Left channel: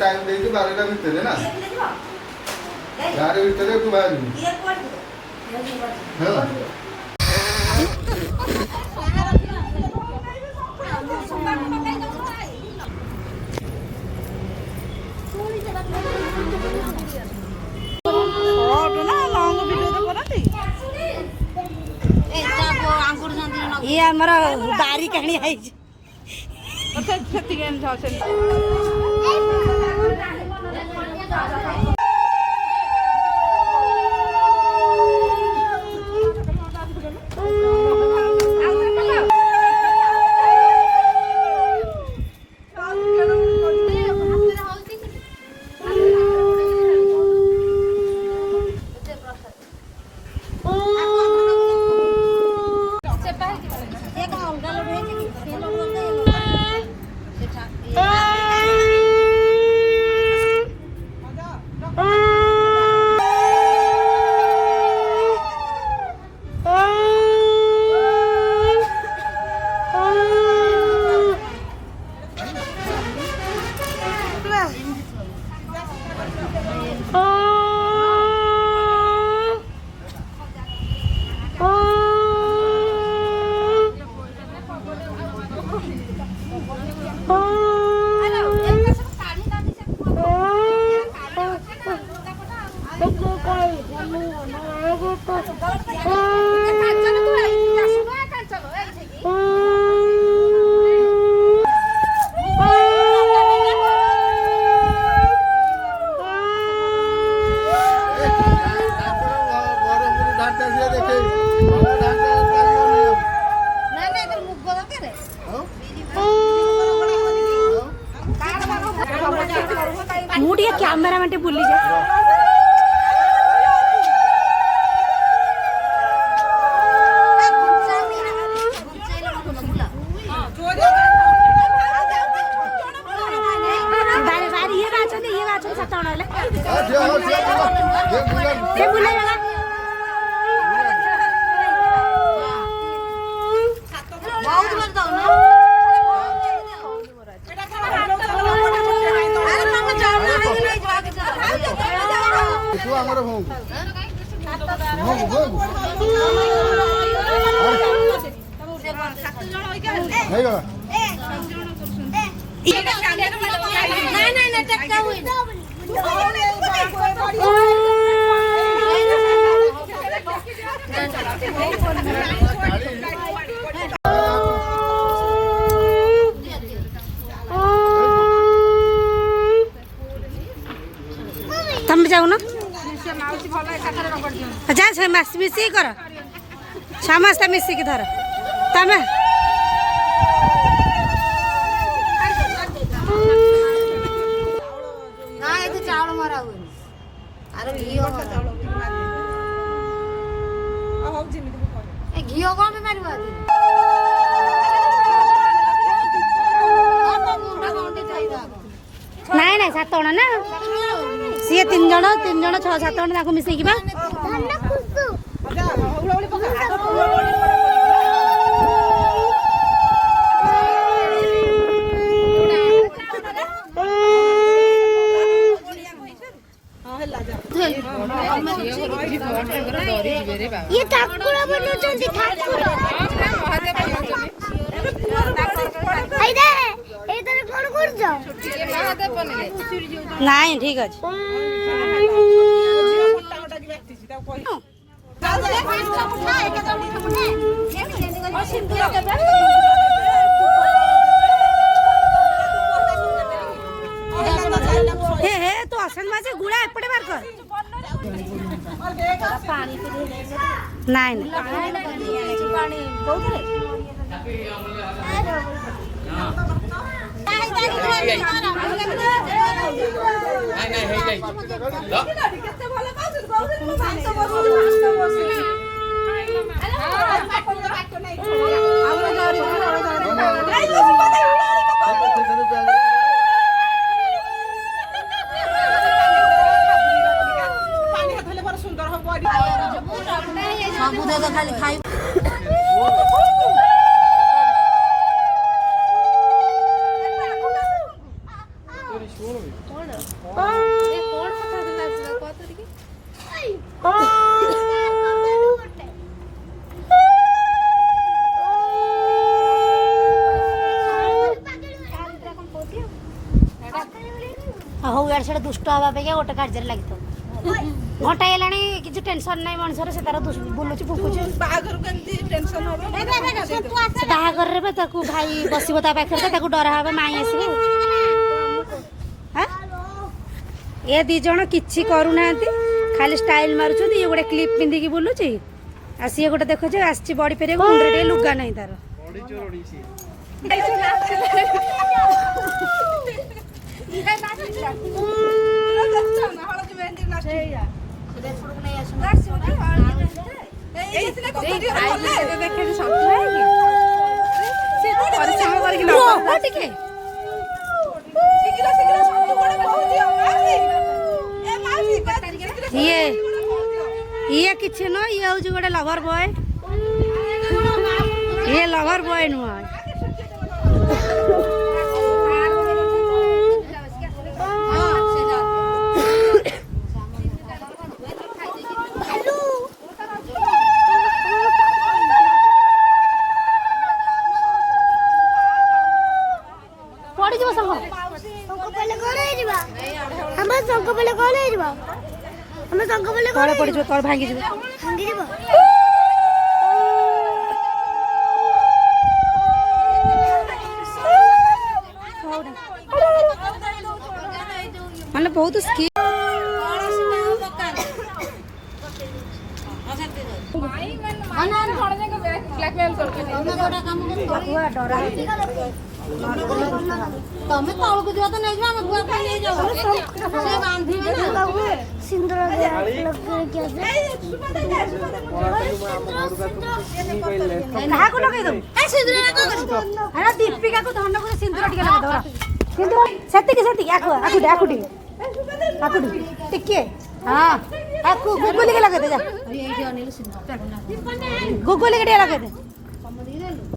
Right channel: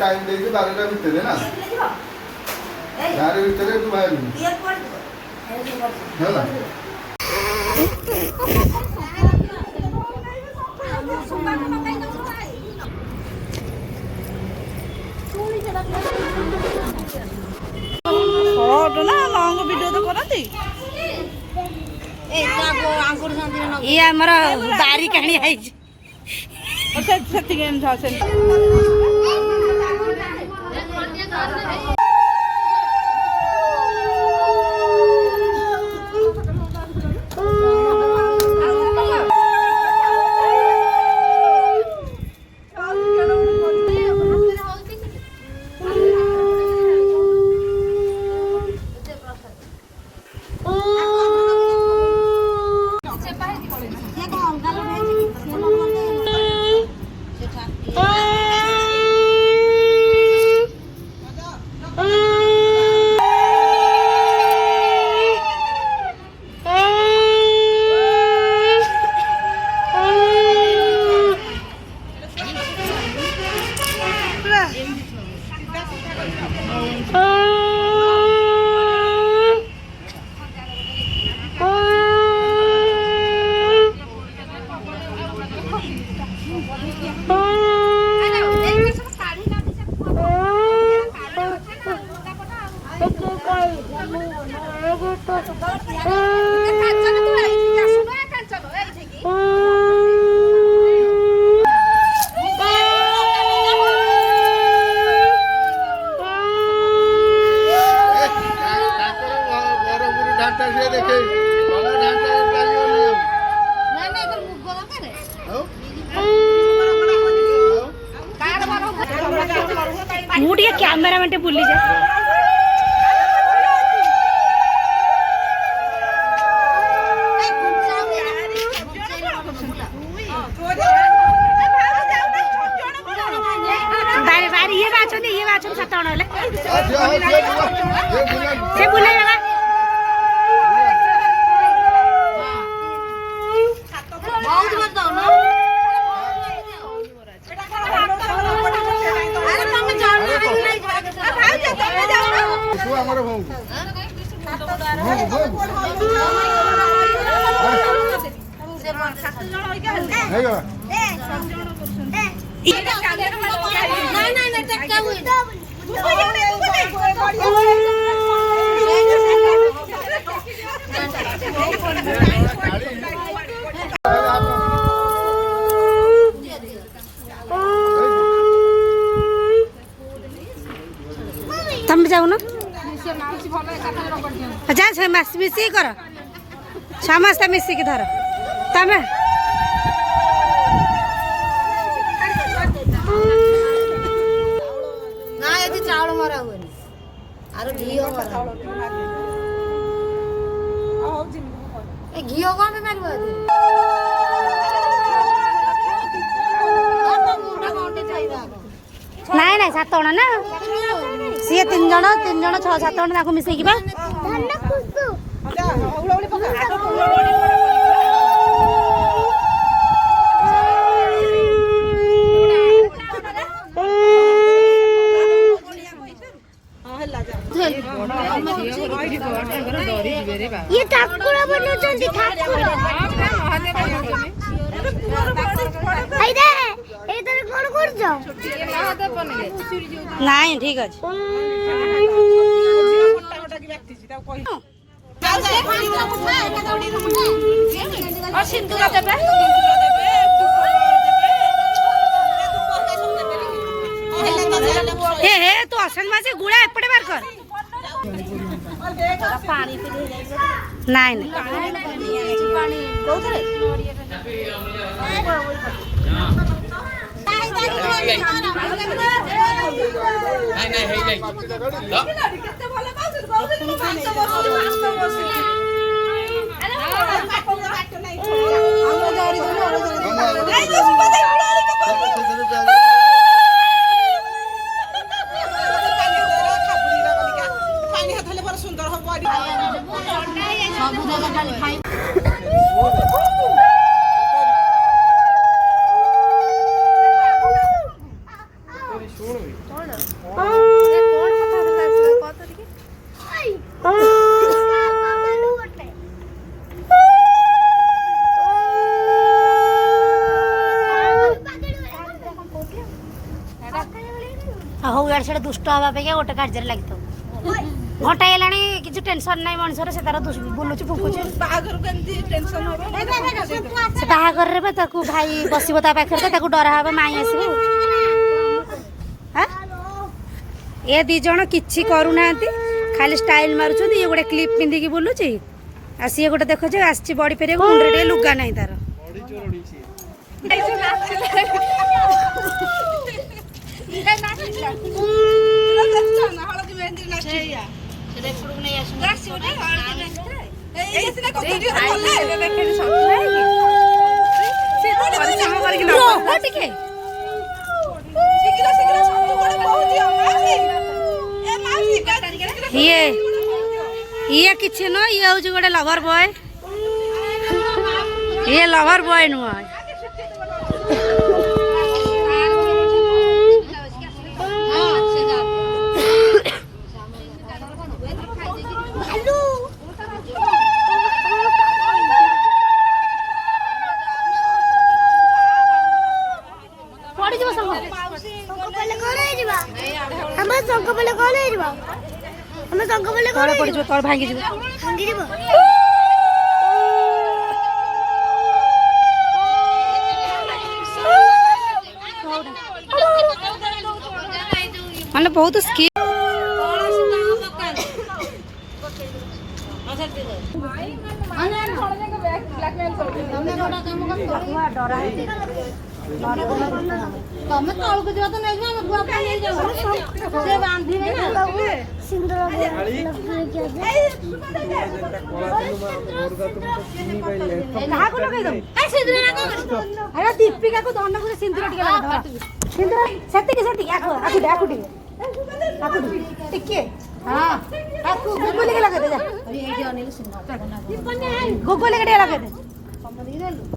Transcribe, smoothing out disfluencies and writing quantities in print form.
टाइम देखिए 12टा भितर ना गाड़ी भितर तू बाहर है ये हमारा बारी कहानी है मुझे कैमरा में भूली जा बारे बारे ये बात सतावण ले से बुले लगा बहुत बताओ ना अरे तुम जाओ ना नहीं तुम जाओ ना जा मिसिक कर समस्त मिसिक धर तमें ना ये चावल मारा हुए अरे घी घी कौन नाई ना 7 जण ना सी 3 जण 6 7 जण मिसेकी ये ठाकुर बनौछंती ठाकुर आइदे एदर कोन करजो नाही ठीक अछि और सिंदूर देबे हे तू असन मासे गुळा एपटे मार कर पानी नाही खाली खाई इे से दुष्ट हवा पे गोटे कार्य लगी घंटा है किसी टेंशन ना मनुष्य से तार बुलूँ फुकुच बाहागर भाई बसब पाखे डरा हे माई आसब ये दी जन कि करूना खाली स्टाइल मारुं ये गोटे क्लिप पिंधिकी बुलूची आ सी गोटे देख आसी बड़ी फेर मुंडे टे लुगा नहीं तार ये किसी न ये हूँ गोटे लवर बॉय ये लवर बॉय नुह पड़ तल भांगी माने बहुत स्किल डरा तमें तौल को दिया तो नहीं हम बुआ खाई जाओ से बांधीबे ना सिंदूर कहा को लगे दो ए सिंदूर लगा अरे दीपिका को धन को सिंदूर टिके लगा दो सिंदूर सेती आकुटी टिके हां आकु गुगुली के लगा दे जा गुगुली के लगा दे